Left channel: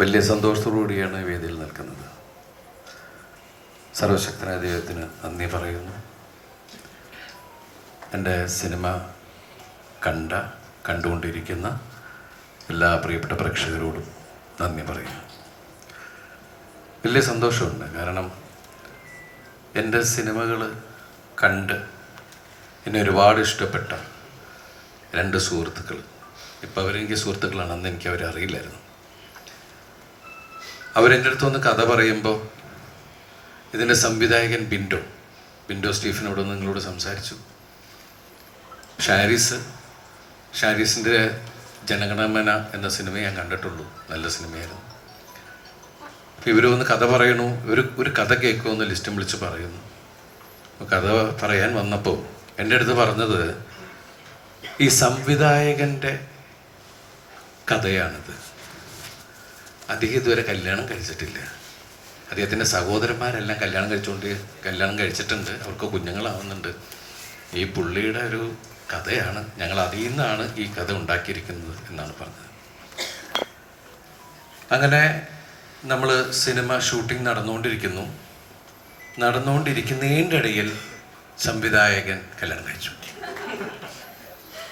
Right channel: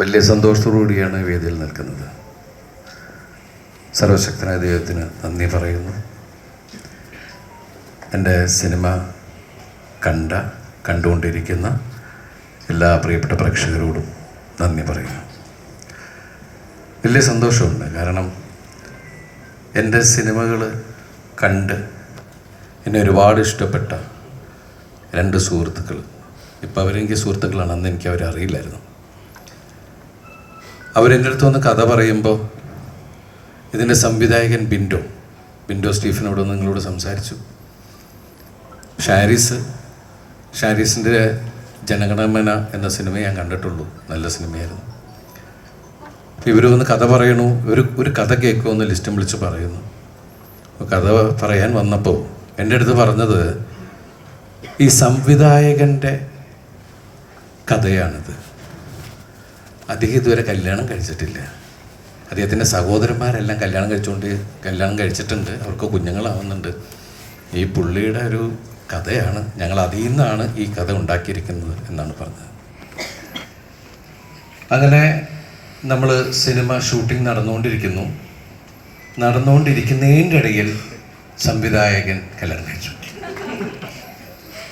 വലിയ സന്തോഷത്തോടുകൂടിയാണ് കൂടിയാണ് വേദിയിൽ നിൽക്കുന്നത്. സർവശക്തനായ ദൈവത്തിന് നന്ദി പറയുന്നു. എന്റെ സിനിമ കണ്ട കണ്ടുകൊണ്ടിരിക്കുന്ന എല്ലാ പ്രിയപ്പെട്ട പ്രേക്ഷകരോടും നന്ദി പറയുന്നു. വലിയ സന്തോഷമുണ്ട്. കാരണം എന്റെ സിനിമകൾ കണ്ട് എന്നെ ഒരുപാട് ഇഷ്ടപ്പെട്ട രണ്ട് സുഹൃത്തുക്കൾ ഇപ്പോൾ അവരെനിക്ക് സുഹൃത്തുക്കളാണ് അന്ന് എനിക്ക് അവരെ അറിയില്ലായിരുന്നു അവരെന്റെ അടുത്ത് വന്ന് കഥ പറയുമ്പോൾ ഇതിന്റെ സംവിധായകൻ ബിൻഡോ. ബിൻഡോ സ്റ്റീഫനോട് നിങ്ങളോട് സംസാരിച്ചു. ഷാരിസ് ഷാരിസിന്റെ ജനഗണമന എന്ന സിനിമ ഞാൻ കണ്ടിട്ടുള്ളൂ. നല്ല സിനിമയായിരുന്നു. ഇവർ വന്ന് കഥ പറയണു. ഒരു ഒരു കഥ കേൾക്കുമെന്ന് ലിസ്റ്റും വിളിച്ച് പറയുന്നു. കഥ പറയാൻ വന്നപ്പോൾ എന്റെ അടുത്ത് പറഞ്ഞത് ഈ സംവിധായകന്റെ കഥയാണിത്. അദ്ദേഹം ഇതുവരെ കല്യാണം കഴിച്ചിട്ടില്ല. അദ്ദേഹത്തിന്റെ സഹോദരന്മാരെല്ലാം കല്യാണം കഴിച്ചുകൊണ്ട് കല്യാണം കഴിച്ചിട്ടുണ്ട്. അവർക്ക് കുഞ്ഞുങ്ങളാവുന്നുണ്ട്. ഈ പുള്ളിയുടെ ഒരു കഥയാണ് ഞങ്ങൾ അതിൽ നിന്നാണ് ഈ കഥ ഉണ്ടാക്കിയിരിക്കുന്നത് എന്നാണ് പറഞ്ഞത്. അങ്ങനെ നമ്മൾ സിനിമ ഷൂട്ടിംഗ് നടന്നുകൊണ്ടിരിക്കുന്നു. നടന്നുകൊണ്ടിരിക്കുന്നതിന്റെ ഇടയിൽ സംവിധായകൻ കല്യാണം കഴിച്ചു.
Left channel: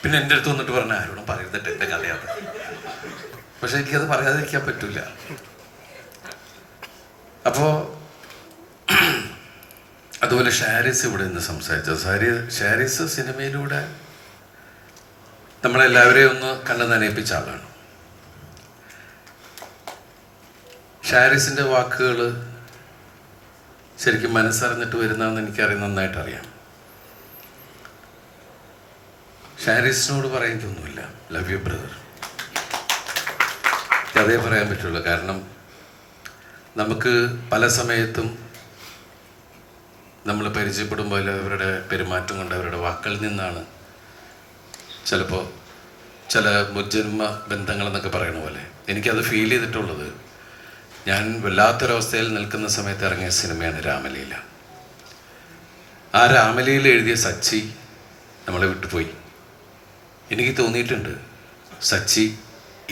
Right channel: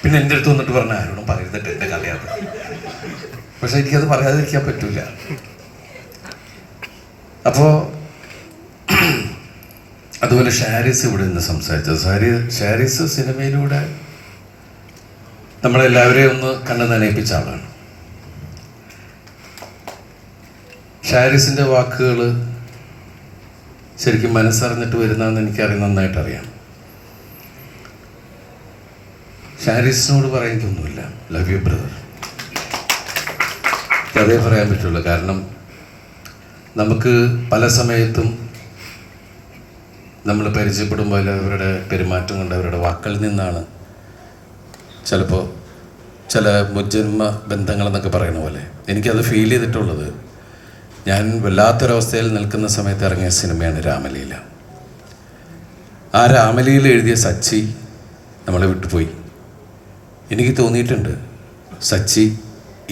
പിന്നെ എന്റെ അടുത്ത് വന്നിട്ട് പറഞ്ഞ ആരോടും പറയരുതിട്ട് എന്റെ കഥയാണ് പക്ഷെ എനിക്കത് പറയാതിരിക്കാൻ പറ്റില്ല അപ്പോൾ അതുപോലെ ഷാരിസ് ഇവിടെ നിന്ന് സംസാരിച്ചത്. സാരി ഷാരിസ് സിനിമയിലൂടെ നമ്മളെല്ലാവരെയും ഒന്ന് കണ്ണു നനയിപ്പിച്ച ആളാണ്. ഷാരിസിന്റെ വാക്കുകൾ ശരിക്കും മനസ്സറിഞ്ഞിട്ട് വരുന്നതെന്ന് എനിക്കറിയാം നന്നായിട്ട് അറിയാം ഷാരിസിനോട് പറയാനൊന്നുമില്ല ലവ് യു ബ്രദർ അതേ പറയാൻ പറ്റുള്ളൂ. കാരണം നമുക്ക് പല സമയത്തും നമ്മൾ പരിചയപ്പെടുമ്പോൾ അവരുടെ പെരുമാറ്റം കൊണ്ട് അവരുടെ വാക്കുകളിൽ നിന്നാണ് ചിലപ്പോൾ ചില മുജ്ജന്മ ബന്ധങ്ങളെന്നൊക്കെ പറയണ പോലെ എനിക്കത് ഫീൽ ചെയ്തിട്ടുള്ളത്. ഞാൻ വല്ലാത്തൊരവസ്ഥയിൽ നിൽക്കുന്ന സമയത്ത് ഇറങ്ങിയ സിനിമയാണ് രാമലീല. ആ രാമലീല എഴുതിയ സച്ചി നമ്മളെ വിട്ടുപോയി. എനിക്ക് തോന്നിയിട്ടുണ്ട്. സച്ചി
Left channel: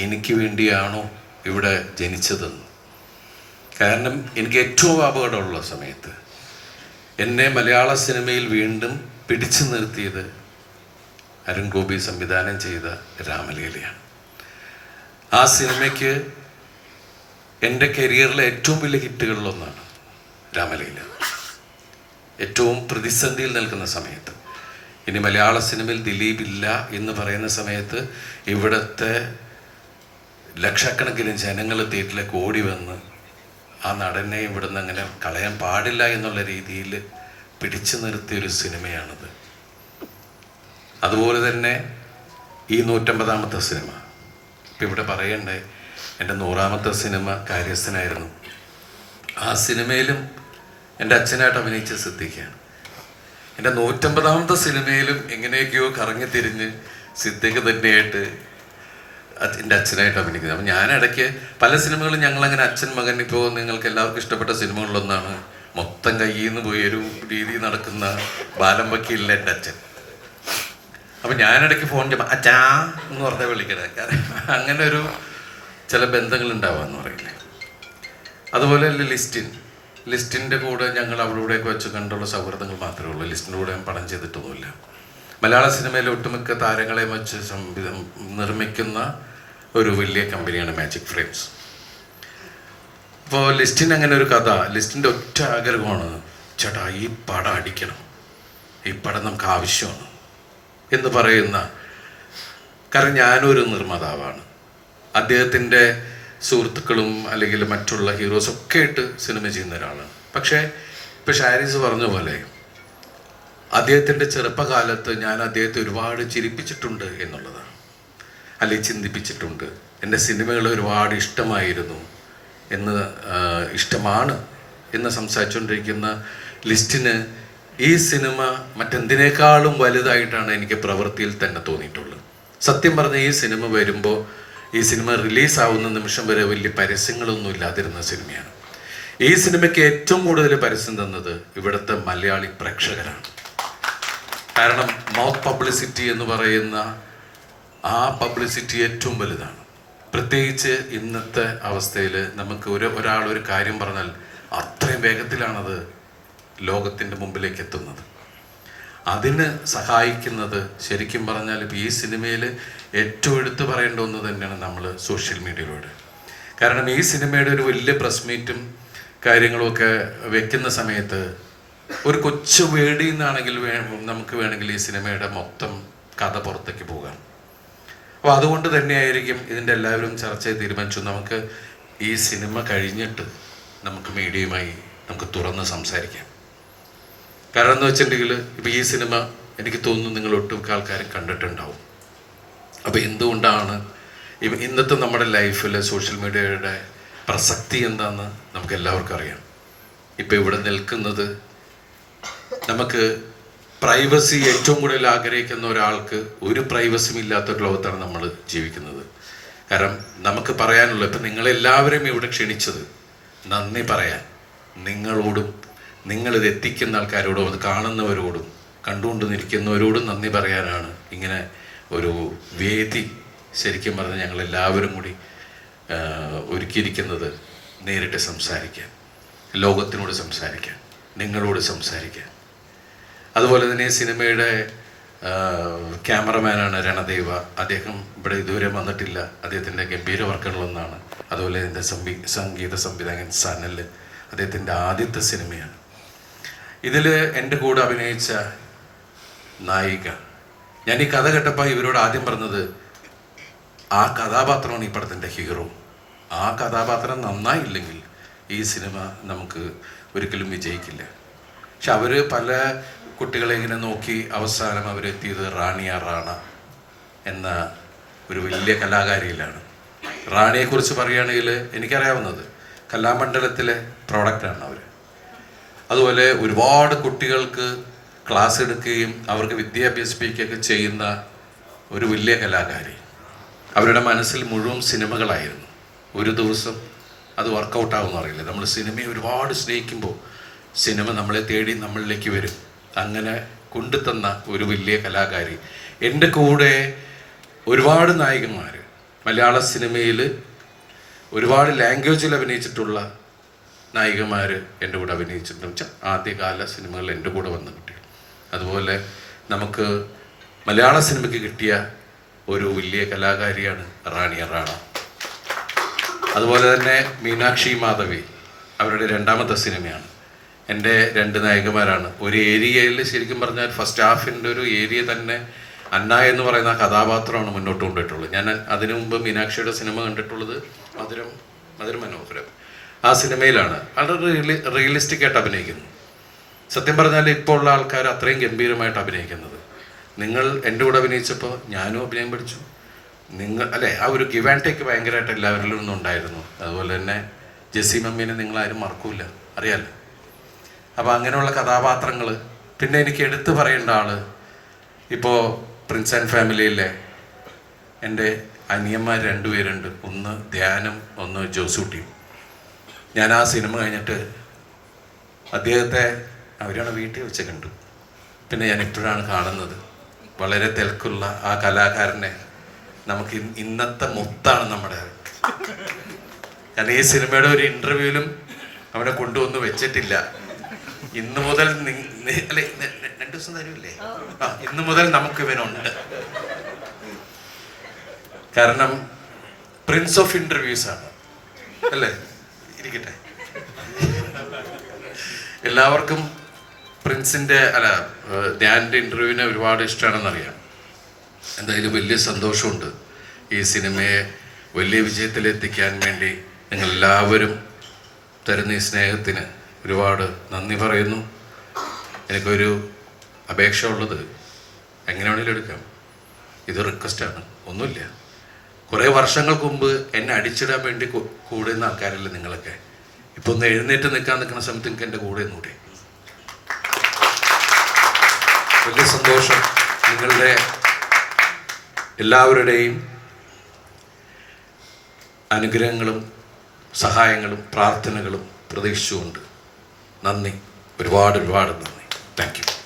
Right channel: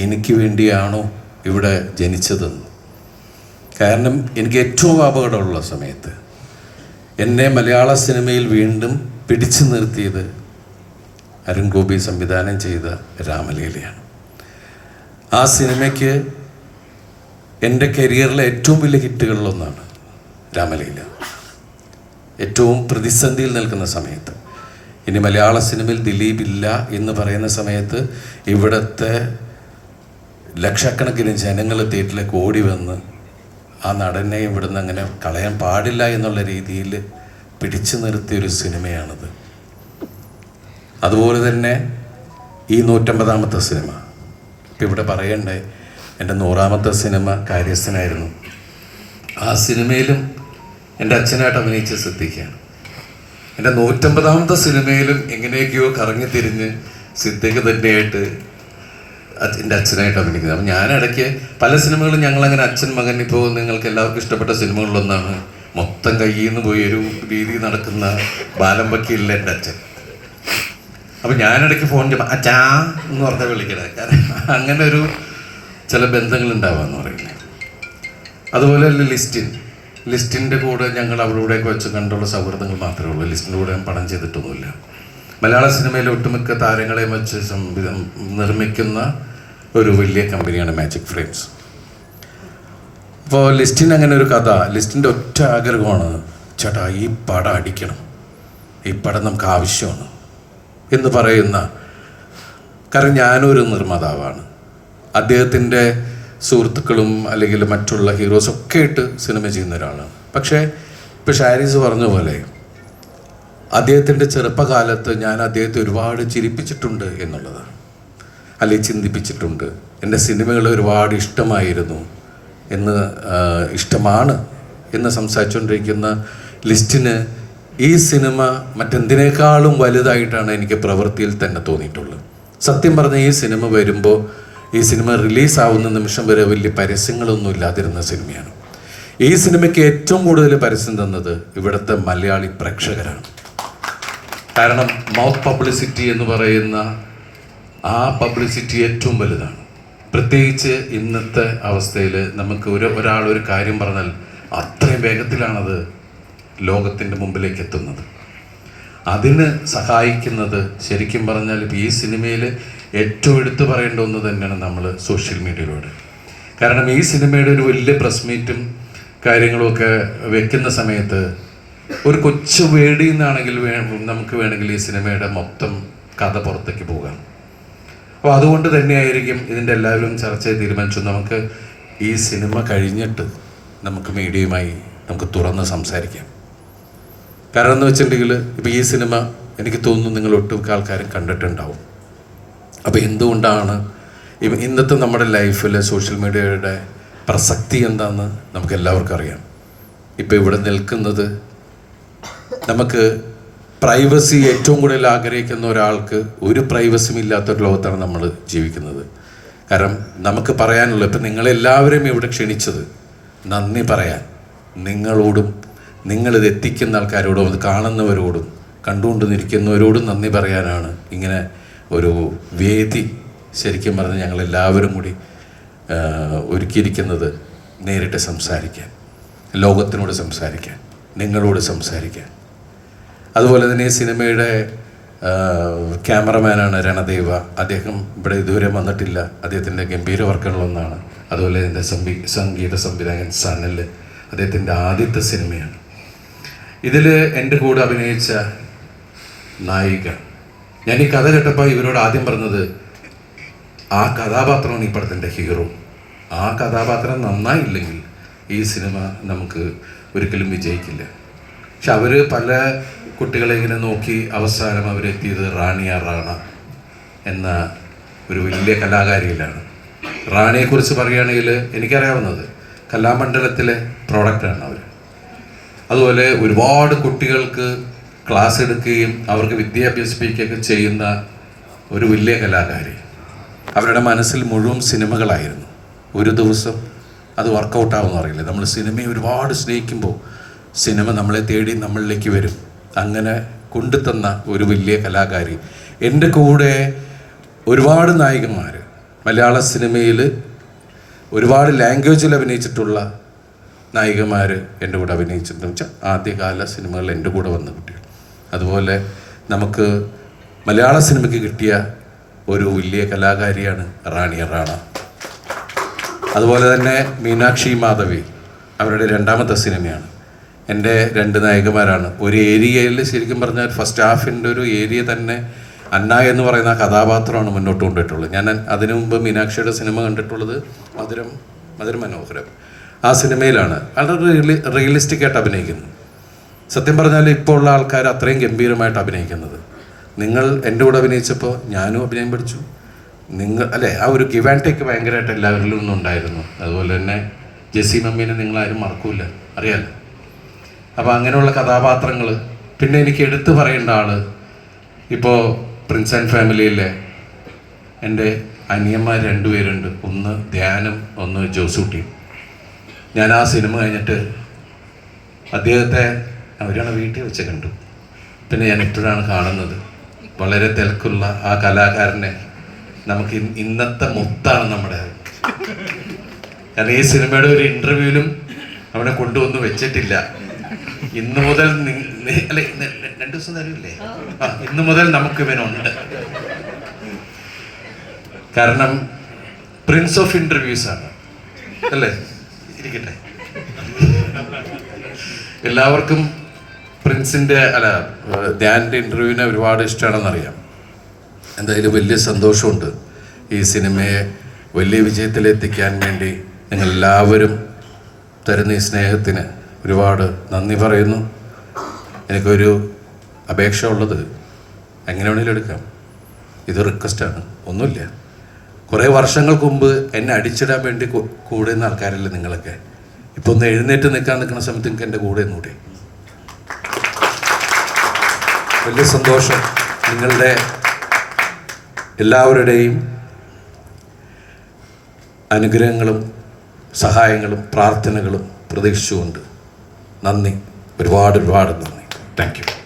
എനിക്ക് വേണ്ടിയാണോ ഇവിടെ ജനിച്ചതെന്ന്. കാരണം എനിക്ക് ഏറ്റവും അപകടമുള്ള സമയത്ത് എന്നെ മലയാള സിനിമയിൽ വീണ്ടും പിടിച്ചു നിർത്തിയത് അരുൺ ഗോപി സംവിധാനം ചെയ്ത രാമലീലയാണ്. ആ സിനിമയ്ക്ക് എന്റെ കരിയറിലെ ഏറ്റവും വലിയ ഹിറ്റുകളിലൊന്നാണ് രാമലീല. ഏറ്റവും പ്രതിസന്ധിയിൽ നിൽക്കുന്ന സമയത്ത്. ഇനി മലയാള സിനിമയിൽ ദിലീപ് ഇല്ല എന്ന് പറയുന്ന സമയത്ത് ഇവിടുത്തെ ലക്ഷക്കണക്കിന് ജനങ്ങൾ തിയേറ്ററിലേക്ക് ഓടി വന്ന് ആ നടനെ ഇവിടുന്ന് അങ്ങനെ കളയാൻ പാടില്ല എന്നുള്ള രീതിയിൽ പിടിച്ചു നിർത്തിയ ഒരു സിനിമയാണിത്. അതുപോലെ തന്നെ ഈ നൂറ്റമ്പതാമത്തെ സിനിമ. ഇപ്പം ഇവിടെ പറയണ്ടേ എന്റെ നൂറാമത്തെ സിനിമ കാര്യസ്ഥനായിരുന്നു. ആ സിനിമയിലും എന്റെ അച്ഛനായിട്ട് അഭിനയിച്ച സിദ്ധിക്കുകയാണ് എന്റെ നൂറ്റമ്പതാമത്തെ സിനിമയിലും എങ്ങനെയൊക്കെയോ കറങ്ങി തിരിഞ്ഞ് സിദ്ദിഖ് തന്നെയായിട്ട് എന്റെ അച്ഛനായിട്ട് അഭിനയിക്കുന്നത്. അപ്പം ഞാൻ ഇടയ്ക്ക് പല സിനിമകളും ഞങ്ങളങ്ങനെ അച്ഛൻ മകൻ ഇപ്പോൾ നിങ്ങൾക്ക് എല്ലാവർക്കും ഇഷ്ടപ്പെട്ട സിനിമകളിലൊന്നാണ് മൊത്തം കയ്യിൽ നിന്ന് പോയി ഒരു രീതി നടക്കുന്ന ബാലം വക്കീലിലെ എന്റെ അച്ഛൻ. അപ്പം ഞാനിടയ്ക്ക് ഫോൺ ചെയ്യുമ്പോൾ അച്ഛാ എന്ന് പറഞ്ഞാൽ വിളിക്കണേ. കാരണം അങ്ങനെ ഒരു ചില ബന്ധങ്ങൾ ഉണ്ടാവാന്ന് പറയില്ലേ. അതുപോലെ ലിസ്റ്റിൻ. ലിസ്റ്റിന്റെ കൂടെ ഞങ്ങൾ അവളുടെയൊക്കെ വെച്ച് കണ്ടുള്ള സൗഹൃദങ്ങൾ മാത്രമേ ഉള്ളൂ. ലിസ്റ്റിന്റെ കൂടെ ഞാൻ പണം ചെയ്തിട്ടൊന്നുമില്ല. മലയാള സിനിമയിലെ ഒട്ടുമിക്ക താരങ്ങളെ വെച്ച് സംവിധം നിർമ്മിക്കുന്ന ഒരു വലിയ കമ്പനിയാണ് മാജിക് ഫ്രെയിംസ് അപ്പോൾ ലിസ്റ്റിന് അങ്ങനെ ഒരു കഥ ലിസ്റ്റിന്റെ ഒറ്റ ആഗ്രഹമാണ് ചേട്ടാ ഈ പടം അടിക്കണം. ഈ പടം നമുക്ക് ആവശ്യമാണ് എന്ന് പറയുന്ന കാരണം ഞാനൊരു നിർമ്മാതാവാണ്. അദ്ദേഹത്തിന്റെ സുഹൃത്തുക്കളും അല്ലെങ്കിൽ മറ്റുള്ള ഹീറോസ് ഒക്കെ ആയിട്ട് സിനിമ ചെയ്യുന്ന ഒരാളാണ്. പക്ഷേ ഇപ്പോൾ ഷാരീസ് പറഞ്ഞ പോലെ അദ്ദേഹത്തിന്റെ ചെറുപ്പകാലത്ത് ഞാൻ അദ്ദേഹത്തെ ഒരുപാട് ചിരിപ്പിച്ചിട്ടുണ്ട് എന്നുള്ളതാണ്. അല്ലെങ്കിൽ ചിന്തിപ്പിച്ചിട്ടുണ്ട്. എന്റെ സിനിമകൾ ഒരുപാട് ഇഷ്ടമായിരുന്നു എന്ന് ഇഷ്ടമാണ് എന്ന് സംസാരിച്ചുകൊണ്ടിരിക്കുന്ന ലിസ്റ്റിന് ഈ സിനിമ മറ്റെന്തിനേക്കാളും വലുതായിട്ടാണ് എനിക്ക് പ്രവൃത്തിയിൽ തന്നെ തോന്നിയിട്ടുള്ളത്. സത്യം പറഞ്ഞ ഈ സിനിമ വരുമ്പോൾ ഈ സിനിമ റിലീസാവുന്ന നിമിഷം വരെ വലിയ പരസ്യങ്ങളൊന്നും ഇല്ലാതിരുന്ന സിനിമയാണ്. ഈ സിനിമയ്ക്ക് ഏറ്റവും കൂടുതൽ പരസ്യം തന്നത് ഇവിടുത്തെ മലയാളി പ്രേക്ഷകരാണ്. കാരണം മൗത്ത് പബ്ലിസിറ്റി എന്ന് പറയുന്ന ആ പബ്ലിസിറ്റി ഏറ്റവും വലുതാണ്. പ്രത്യേകിച്ച് ഇന്നത്തെ അവസ്ഥയിൽ നമുക്ക് ഒരു ഒരാൾ ഒരു കാര്യം പറഞ്ഞാൽ അത്രയും വേഗത്തിലാണത് ലോകത്തിന്റെ മുമ്പിലേക്ക് എത്തുന്നത്. അതിന് സഹായിക്കുന്നത് ശരിക്കും പറഞ്ഞാൽ ഈ സിനിമയിൽ ഏറ്റവും എടുത്തു പറയേണ്ട ഒന്ന് തന്നെയാണ് നമ്മൾ സോഷ്യൽ മീഡിയയിലൂടെ. കാരണം ഈ സിനിമയുടെ ഒരു വലിയ പ്രസ് മീറ്റും കാര്യങ്ങളുമൊക്കെ വെക്കുന്ന സമയത്ത് ഒരു കൊച്ചു വേടിയിൽ നിന്നാണെങ്കിൽ നമുക്ക് വേണമെങ്കിൽ ഈ സിനിമയുടെ മൊത്തം കഥ പുറത്തേക്ക് പോകാം അപ്പോൾ അതുകൊണ്ട് തന്നെയായിരിക്കും ഇതിന്റെ എല്ലാവരും ചർച്ച ചെയ്ത് തീരുമാനിച്ചു. നമുക്ക് ഈ സിനിമ കഴിഞ്ഞിട്ട് നമുക്ക് മീഡിയയുമായി നമുക്ക് തുറന്ന് സംസാരിക്കാം. കാരണം എന്ന് വെച്ചിട്ടുണ്ടെങ്കിൽ ഇപ്പോൾ ഈ സിനിമ എനിക്ക് തോന്നുന്നു നിങ്ങൾ ഒട്ടുമിക്ക ആൾക്കാരും കണ്ടിട്ടുണ്ടാവും. അപ്പോൾ എന്തുകൊണ്ടാണ് ഇന്നത്തെ നമ്മുടെ ലൈഫിൽ സോഷ്യൽ മീഡിയയുടെ പ്രസക്തി എന്താണെന്ന് നമുക്ക് എല്ലാവർക്കും അറിയാം. ഇപ്പോൾ ഇവിടെ നിൽക്കുന്നത് നമുക്ക് പ്രൈവസി ഏറ്റവും കൂടുതൽ ആഗ്രഹിക്കുന്ന ഒരാൾക്ക് ഒരു പ്രൈവസിയും ഇല്ലാത്ത ഒരു ലോകത്താണ് നമ്മൾ ജീവിക്കുന്നത്. കാരണം നമുക്ക് പറയാനുള്ള ഇപ്പം നിങ്ങളെല്ലാവരും ഇവിടെ ക്ഷണിച്ചത് നന്ദി പറയാൻ. നിങ്ങളോടും നിങ്ങളിത് എത്തിക്കുന്ന ആൾക്കാരോടും അത് കാണുന്നവരോടും കണ്ടുകൊണ്ട് നിൽക്കുന്നവരോടും നന്ദി പറയാനാണ് ഇങ്ങനെ ഒരു വേദി ശരിക്കും പറഞ്ഞ് ഞങ്ങളെല്ലാവരും കൂടി ഒരുക്കിയിരിക്കുന്നത് നേരിട്ട് സംസാരിക്കാൻ ലോകത്തിനോട് സംസാരിക്കാൻ നിങ്ങളോട് സംസാരിക്കാൻ. അതുപോലെ തന്നെ ഈ സിനിമയുടെ ക്യാമറമാനാണ് രണദേവ. അദ്ദേഹം ഇവിടെ ഇതുവരെ വന്നിട്ടില്ല. അദ്ദേഹത്തിന്റെ ഗംഭീര വർക്കുകളൊന്നാണ് അതുപോലെ എന്റെ സംവി സംഗീത സംവിധായകൻ സനൽ അദ്ദേഹത്തിന്റെ ആദ്യത്തെ സിനിമയാണ്. ഇതിൽ എന്റെ കൂടെ അഭിനയിച്ച നായിക. ഞാൻ ഈ കഥ കേട്ടപ്പോൾ ഇവരോട് ആദ്യം പറഞ്ഞത് ആ കഥാപാത്രമാണ് ഈ പടത്തിന്റെ ഹീറോ. ആ കഥാപാത്രം നന്നായില്ലെങ്കിൽ ഈ സിനിമ നമുക്ക് ഒരിക്കലും വിജയിക്കില്ല. പക്ഷെ അവർ പല കുട്ടികളെ ഇങ്ങനെ നോക്കി അവസാനം അവരെത്തിയത് റാണിയ റാണ എന്ന ഒരു വലിയ കലാകാരിയിലാണ്. റാണിയെക്കുറിച്ച് പറയുകയാണെങ്കിൽ എനിക്കറിയാവുന്നത് കലാമണ്ഡലത്തിലെ പ്രോഡക്റ്റാണ് അവർ അതുപോലെ ഒരുപാട് കുട്ടികൾക്ക് ക്ലാസ് എടുക്കുകയും അവർക്ക് വിദ്യാഭ്യസിപ്പിക്കുകയൊക്കെ ചെയ്യുന്ന ഒരു വലിയ കലാകാരി. അവരുടെ മനസ്സിൽ മുഴുവൻ സിനിമകളായിരുന്നു. ഒരു ദിവസം അത് വർക്കൗട്ടാവുമെന്ന് അറിയില്ല. നമ്മൾ സിനിമയെ ഒരുപാട് സ്നേഹിക്കുമ്പോൾ സിനിമ നമ്മളെ തേടി നമ്മളിലേക്ക് വരും. അങ്ങനെ കൊണ്ടുതന്ന ഒരു വലിയ കലാകാരി. എന്റെ കൂടെ ഒരുപാട് നായികന്മാർ മലയാള സിനിമയിൽ ഒരുപാട് ലാംഗ്വേജിൽ അഭിനയിച്ചിട്ടുള്ള നായികമാർ എന്റെ കൂടെ അഭിനയിച്ചിട്ടുണ്ട്. വെച്ചാൽ ആദ്യകാല സിനിമകൾ എന്റെ കൂടെ വന്ന കുട്ടികൾ. അതുപോലെ നമുക്ക് മലയാള സിനിമയ്ക്ക് കിട്ടിയ ഒരു വലിയ കലാകാരിയാണ് റാണി റാണ. അതുപോലെ തന്നെ മീനാക്ഷി മാധവി അവരുടെ രണ്ടാമത്തെ സിനിമയാണ്. എന്റെ രണ്ട് നായകന്മാരാണ്. ഒരു ഏരിയയിൽ ശരിക്കും പറഞ്ഞാൽ ഫസ്റ്റ് ഹാഫിന്റെ ഒരു ഏരിയ തന്നെ അന്ന എന്ന് പറയുന്ന കഥാപാത്രമാണ് മുന്നോട്ട് കൊണ്ടുപോയിട്ടുള്ളത്. ഞാൻ അതിനു മുമ്പ് മീനാക്ഷിയുടെ സിനിമ കണ്ടിട്ടുള്ളത് മധുരം മധുരം മനോഹരം ആ സിനിമയിലാണ്. വളരെ റിയലി റിയലിസ്റ്റിക് ആയിട്ട് അഭിനയിക്കുന്നു. സത്യം പറഞ്ഞാൽ ഇപ്പോൾ ഉള്ള ആൾക്കാർ അത്രയും ഗംഭീരമായിട്ട് അഭിനയിക്കുന്നത്. നിങ്ങൾ എന്റെ കൂടെ അഭിനയിച്ചപ്പോൾ ഞാനും അഭിനയം പഠിച്ചു. നിങ്ങൾ അല്ലേ ആ ഒരു ഗിവ് ആൻഡ് ടേക്ക് ഭയങ്കരമായിട്ട് എല്ലാവരിലും ഉണ്ടായിരുന്നു അതുപോലെ തന്നെ ജെസ്സി മമ്മീനെ നിങ്ങളാരും മറക്കൂല. അറിയാലോ? അപ്പോൾ അങ്ങനെയുള്ള കഥാപാത്രങ്ങൾ പിന്നെ എനിക്ക് എടുത്തു പറയേണ്ട ആൾ ഇപ്പോൾ പ്രിൻസ് ആൻഡ് ഫാമിലിയിലെ എന്റെ അനിയന്മാർ രണ്ടുപേരുണ്ട്. ഒന്ന് ധ്യാനം ഒന്ന് ജോസൂട്ടിയും ഞാൻ ആ സിനിമ കഴിഞ്ഞിട്ട് അദ്ദേഹത്തെ അവരാണ് വീട്ടിൽ വെച്ച് കണ്ടു. പിന്നെ ഞാൻ ഇപ്പോഴാണ് കാണുന്നത്. വളരെ തിരക്കുള്ള ആ കലാകാരനെ നമുക്ക് ഇന്നത്തെ മുത്താണ് നമ്മുടെ. കാരണം ഈ സിനിമയുടെ ഒരു ഇന്റർവ്യൂവിലും അവനെ കൊണ്ടുവന്ന് വെച്ചിട്ടില്ല. ഇന്ന് മുതൽ അല്ലെ രണ്ടു ദിവസം തരൂല്ലേ ആ ഇന്ന് മുതൽ നമുക്ക് ഇവനുണ്ട് കാരണം പ്രിൻസ് ഓഫ് ഇന്റർവ്യൂസ് ആണ്. അല്ലേ? ഇരിക്കട്ടെ. എല്ലാവർക്കും പ്രിൻസിന്റെ അല്ല ധ്യാനിന്റെ ഇന്റർവ്യൂവിനെ ഒരുപാട് ഇഷ്ടമാണെന്നറിയാം. എന്തായാലും വലിയ സന്തോഷമുണ്ട് ഈ സിനിമയെ വലിയ വിജയത്തിലെത്തിക്കാൻ വേണ്ടി നിങ്ങൾ എല്ലാവരും തരുന്ന ഈ സ്നേഹത്തിന്. ഒരുപാട് നന്ദി പറയുന്നു. എനിക്കൊരു അപേക്ഷ ഉള്ളത് എങ്ങനെ വേണേലും എടുക്കാം. ഇത് റിക്വസ്റ്റാണ് ഒന്നുമില്ല. കുറേ വർഷങ്ങൾക്ക് മുമ്പ് എന്നെ അടിച്ചിടാൻ വേണ്ടി കൂടെ നിന്ന ആൾക്കാരല്ലേ നിങ്ങളൊക്കെ. ഇപ്പോൾ ഒന്ന് എഴുന്നേറ്റ് നിൽക്കാൻ നിൽക്കുന്ന സമയത്ത് നിങ്ങൾക്ക് എന്റെ കൂടെ നിന്നൂടെ വലിയ സന്തോഷം നിങ്ങളുടെ എല്ലാവരുടെയും അനുഗ്രഹങ്ങളും സഹായങ്ങളും പ്രാർത്ഥനകളും പ്രതീക്ഷിച്ചുകൊണ്ട് നന്ദി. ഒരുപാട് ഒരുപാട് നന്ദി. Thank you